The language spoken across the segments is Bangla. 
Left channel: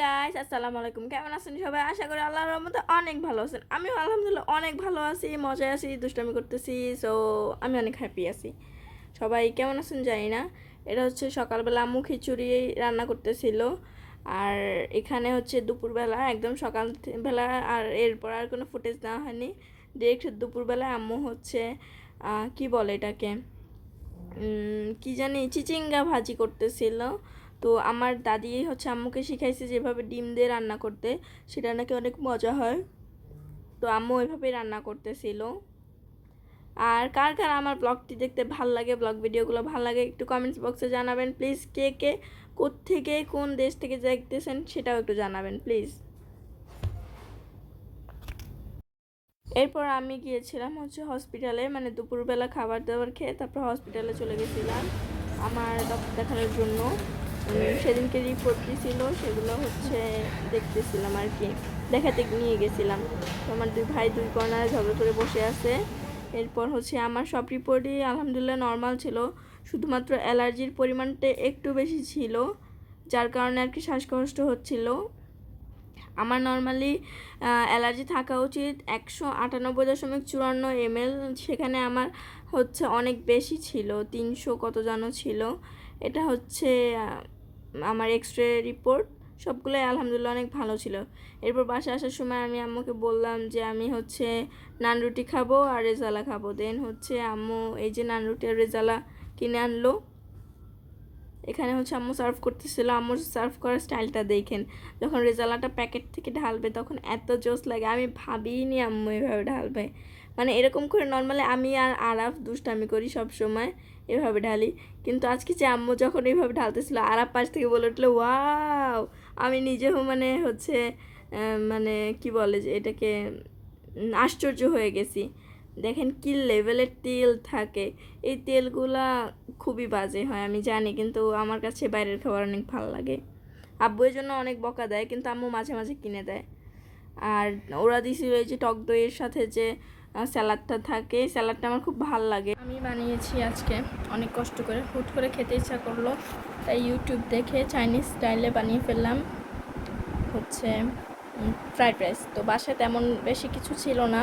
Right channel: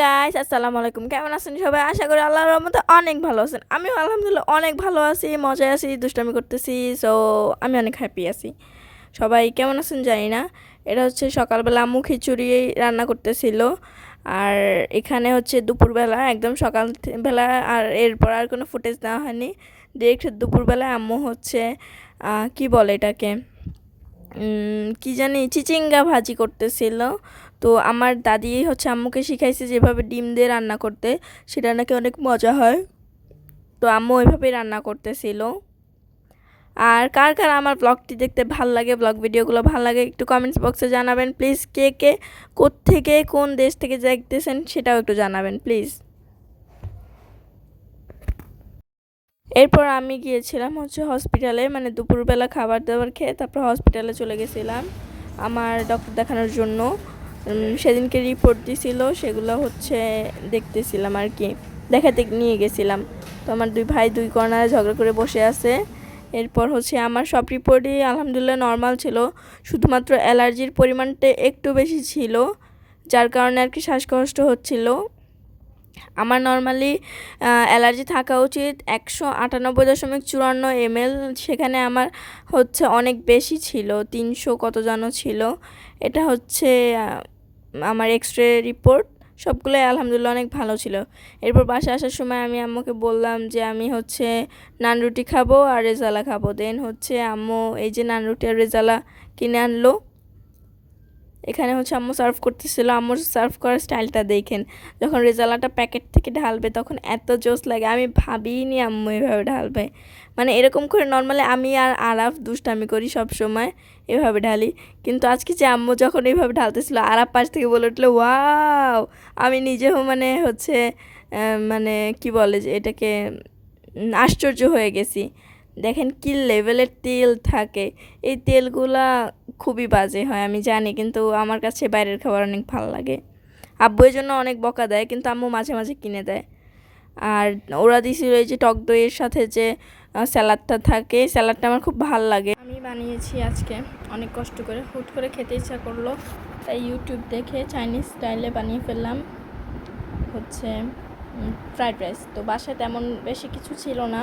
গাইস, আসসালামু আলাইকুম। কেমন আছেন সবাই? আশা করি আল্লাহর রহমতে অনেক ভালো আছেন। আমিও আলহামদুলিল্লাহ অনেক ভালো আছি, মজায় আছি, দুষ্টামি করতেছি। সো আমি অনেক হ্যাপি আছি। সবাই কেমন আছেন জানি না। এটা হচ্ছে সকালবেলা আম্মু খিচুড়ি রান্না করতেছিল, আর এখানে হচ্ছে দুপুরবেলা একদম সকালবেলা। আর এরপর আর কোনো ফুটেজ দেওয়া হয়নি। ডিরেক্ট দুপুরবেলা আম্মু হচ্ছে কি বলে এটাকে, কি জানি চিচিঙ্গা ভাজি করতেছিল। তো আমার দাদি হচ্ছে আম্মুকে শিখাইছে যেভাবে ডিম দিয়ে রান্না করতে, সেটা নাকি অনেক মজা হয়। তো আম্মু ওইভাবেই রান্না করতেছিল। আর কার কার আমার ব্লগটি দেখতে ভাল লাগে, ব্লগ ভিডিওগুলো ভাল লাগে, একটু কমেন্টস বক্সে জানাবেন প্লিজ। কে কে কোত্থেকে কোন দেশ থেকে দেখতেছেন সেটাও একটু জানাবেন প্লিজ। এরপর আমি গিয়েছিলাম হচ্ছে হসপিটালে, মানে দুপুরবেলা খাবার দাবার খেয়ে তারপর হসপিটালে চলে গেছিলাম আমার ডক্টর দেখানোর জন্য। সেদিনকে রিপোর্ট দিছিল, সেগুলো হচ্ছে দেখতেছিলাম আর কি, দেখাতে নিয়ে গেছিলাম। তো আমার দুই ভাই দুই কর্নারে ঝগড়া করে বসে আছে। এরপর হচ্ছে আমার সব রিপোর্টই আলহামদুলিল্লাহ নর্মাল ছিল, শুধুমাত্র অ্যালার্জির পরিমাণটা একটু বেশি ছিল, যার কারণে আর কি শ্বাসকষ্ট হচ্ছিল। আমার নর্মালি অ্যালার্জি থাকা উচিত 198.54 ml, সেখানে আমার হচ্ছে অনেক বেশি ছিল, 300 কত যেন ছিল। এটা হচ্ছে আমার এক্সরে রিপোর্ট, সবগুলো আলহামদুলিল্লাহ অনেক ভালো ছিল। এরপর বাসায় আসার সময় আমি আম্মুকে বললাম যে আমি হচ্ছে নান রুটি খাবো আর রেজালা খাবো। দেন হচ্ছে আম্মু এই যে নান রুটি আর রেজালা কিনে আনলো। এখানে হচ্ছে আম্মু সার্ভ করতেছিল। আম্মুর সার্ভ করার স্টাইলটা দেখেন, যখন রেজালাটা প্যাকেট থেকে ঢালবে তখন এত জোস লাগে, আমি ভাবিনি আম্মু এভাবে ঢালবে। মানে এরকম করে নর্মালি আমি আর আরাফ দুষ্টামি করি সব সময়, এভাবে ঢালি। কিন্তু আজকে যে আম্মু যখন এইভাবে ঢালতেছিল, আরাফ পাশ থেকে বলে উঠলো ওয়াও। আমি নিজেও মানে হচ্ছে মানে কি বলে যে এটাকে, আশ্চর্য হয়ে গেছি। দেখেন কি লেভেলের তেল থাকে, এই তেলগুলা খুবই বাজে হয় আমি জানি, কিন্তু আমার কাছে বাইরের খাবার অনেক ভালো লাগে। আব্বু এর জন্য অনেক বকা দেয়, কিন্তু আম্মু মাঝে মাঝে কিনে দেয়। আর ওরা দিছিল এই যে টক দইয়ের সাথে যে স্যালাডটা থাকে, স্যালাডটা আমার খুব ভালো লাগে। আমি বানিয়েছি আজকে অনেক কষ্ট করে, হুট করে খেতে ইচ্ছা করলো, তাই ইউটিউব দেখে চাইনিজ স্টাইলে বানিয়ে ফেললাম হচ্ছে ফ্রাইড রাইস। তো বাসায় তেমন বেশি কিছু ছিল না,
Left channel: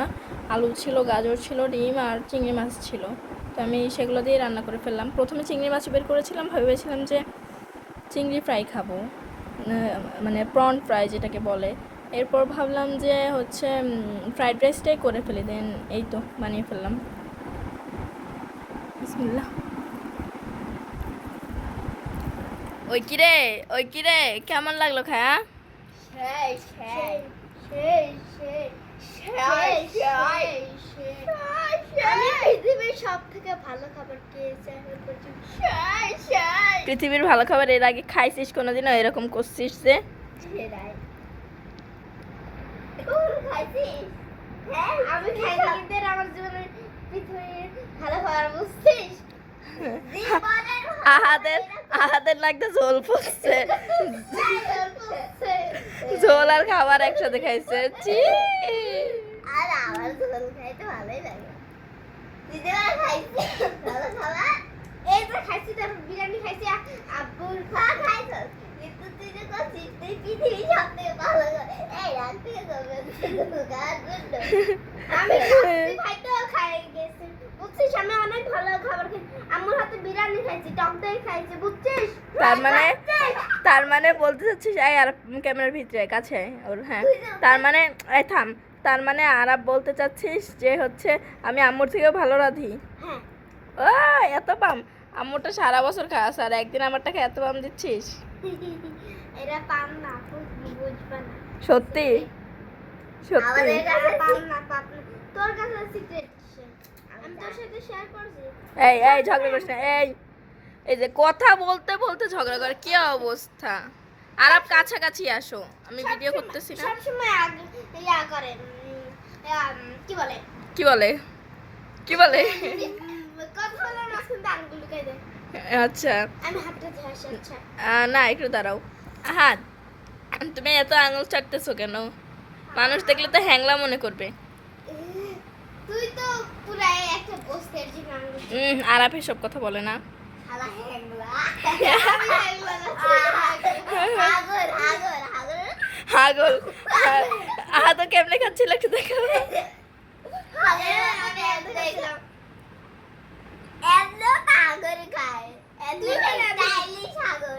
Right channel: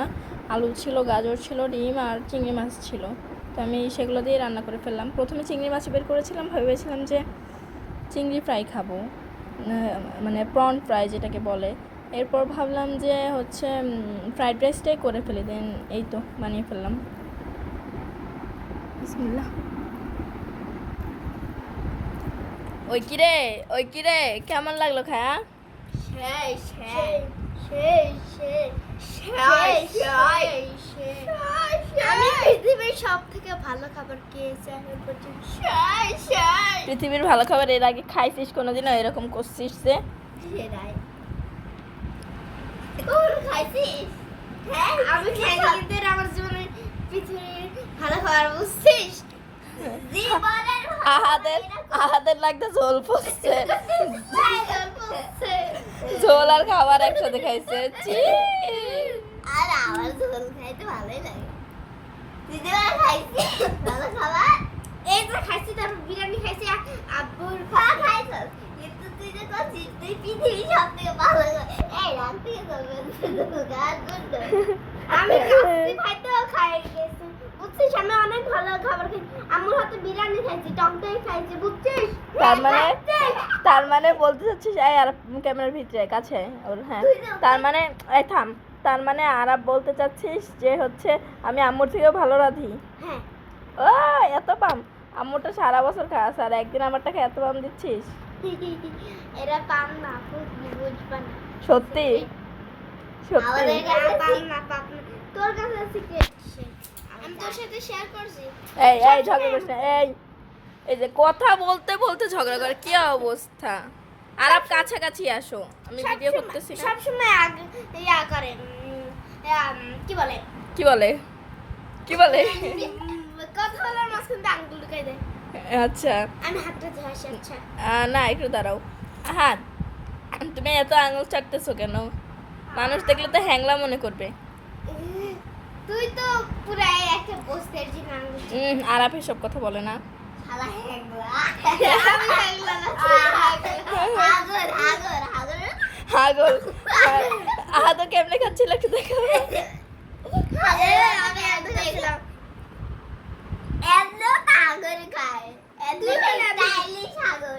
আলু ছিল, গাজর ছিল, ডিম আর চিংড়ি মাছ ছিল। তো আমি সেগুলো দিয়ে রান্না করে ফেললাম। প্রথমে চিংড়ি মাছ বের করেছিলাম, ভেবেছিলাম যে চিংড়ি ফ্রাই খাবো, মানে প্রন ফ্রাই যেটাকে বলে। এরপর ভাবলাম যে হচ্ছে ফ্রাইড রাইসটাই করে ফেলি। দেন এই তো বানিয়ে ফেললাম। বিসমিল্লাহ। ওই কিরে, ওই কিরে, কেমন লাগলো খায়া? আমি পৃথিবীর সব থেকে ভালো খাবার খেয়েছি এখন পর্যন্ত। পৃথিবীর ভালো খাবার এর আগে খাইছিস কোনোদিনও? এরকম করছিস যে আমি খাইনি, কিন্তু এটা আমার জীবনে পৃথিবীর ভালো খাবার, বুঝছিস? আহাদের লাগতে ঝোল পড়ছে, ঝোল আর খাবার একসাথে খাইছে। আর আমার ঝোল খাইতে ভালোই লাগে। দিদিরা খাইছি ভালো খাবার, এই তো খাইছি, তারপর বিরিয়ানি খাইছি, আব্বুর খাওয়া খাইছো। কিন্তু তুই যে করছিস তুই পৃথিবীর সব থেকে ভালো এই রাখতে হবে আমি খাইতেও খাই গেছি, বুঝছিস? আমি অনেক ভালো খাবার খাইছি, আম্মুর হাতে বিরিয়ানি খাইছি, টক দই খাইছি, বুঝছিস? তার মানে বলতে চাচ্ছিস, এই আর ক্যামেরার ভিতরে কাছে ওর, হ্যাঁ, তার মানে এই থাম, তার মানে আরাব বলতে চাচ্ছিস যে হচ্ছে আমি আম্মুর থেকেও ভালো রাঁধি? হ্যাঁ। ও এত পাম, আম্মুরটা সারা বছর খাস আর একদিন আমারটা খেয়ে এত পাম দিচ্ছিস? এরা পাম না, বুঝবা না। সত্যি সত্যি আমাদের কাছে পাম না, পাম না। তোর কাছে সিক্রেট, আমি তোর সাথে শেয়ার করছি। এই এই ঝগড়া করিস না। এই এই যে কথা বলতে বলতে ঝগড়া করে, কি অবস্থা? আরাব কাছাকাছি আসো, আমি ভিডিও করতেছি না। সব সময় ইয়া করে, কি বলে কি বলে, কি বলে? কথা বলার মাঝখানে আঙ্গুল ঢুকাই দেয়। আচ্ছা আমি হাতটা ধরে, আচ্ছা না একটু দাঁড়াও। হাত, তুমি এত আঙুল চাটতেছো কেন? মানুষ দেখলে তো হ্যাংলা মনে করবে। তুই তো পুরো একটা গোস্তের যে আঙ্গুল। আরাপ এসব কথা বলে না। হালা হ্যাংলা, আমি হ্যাংলা না, হাগর হাগর হাগর হাগল আহা তো কেমনে খাচ্ছিল একটু দেখো আমি এত খাইছিলাম এত আগর খায় এত স্টাইলিশ আগর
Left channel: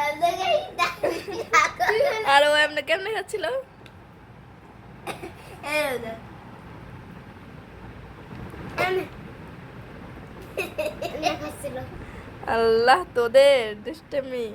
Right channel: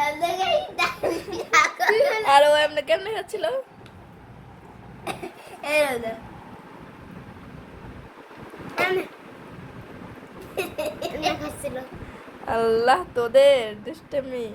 এত স্টাইলিশ আগর আর ও এমনি কেমনে খাচ্ছিল এরকম খাচ্ছিল আল্লাহ তোদের দুষ্টামি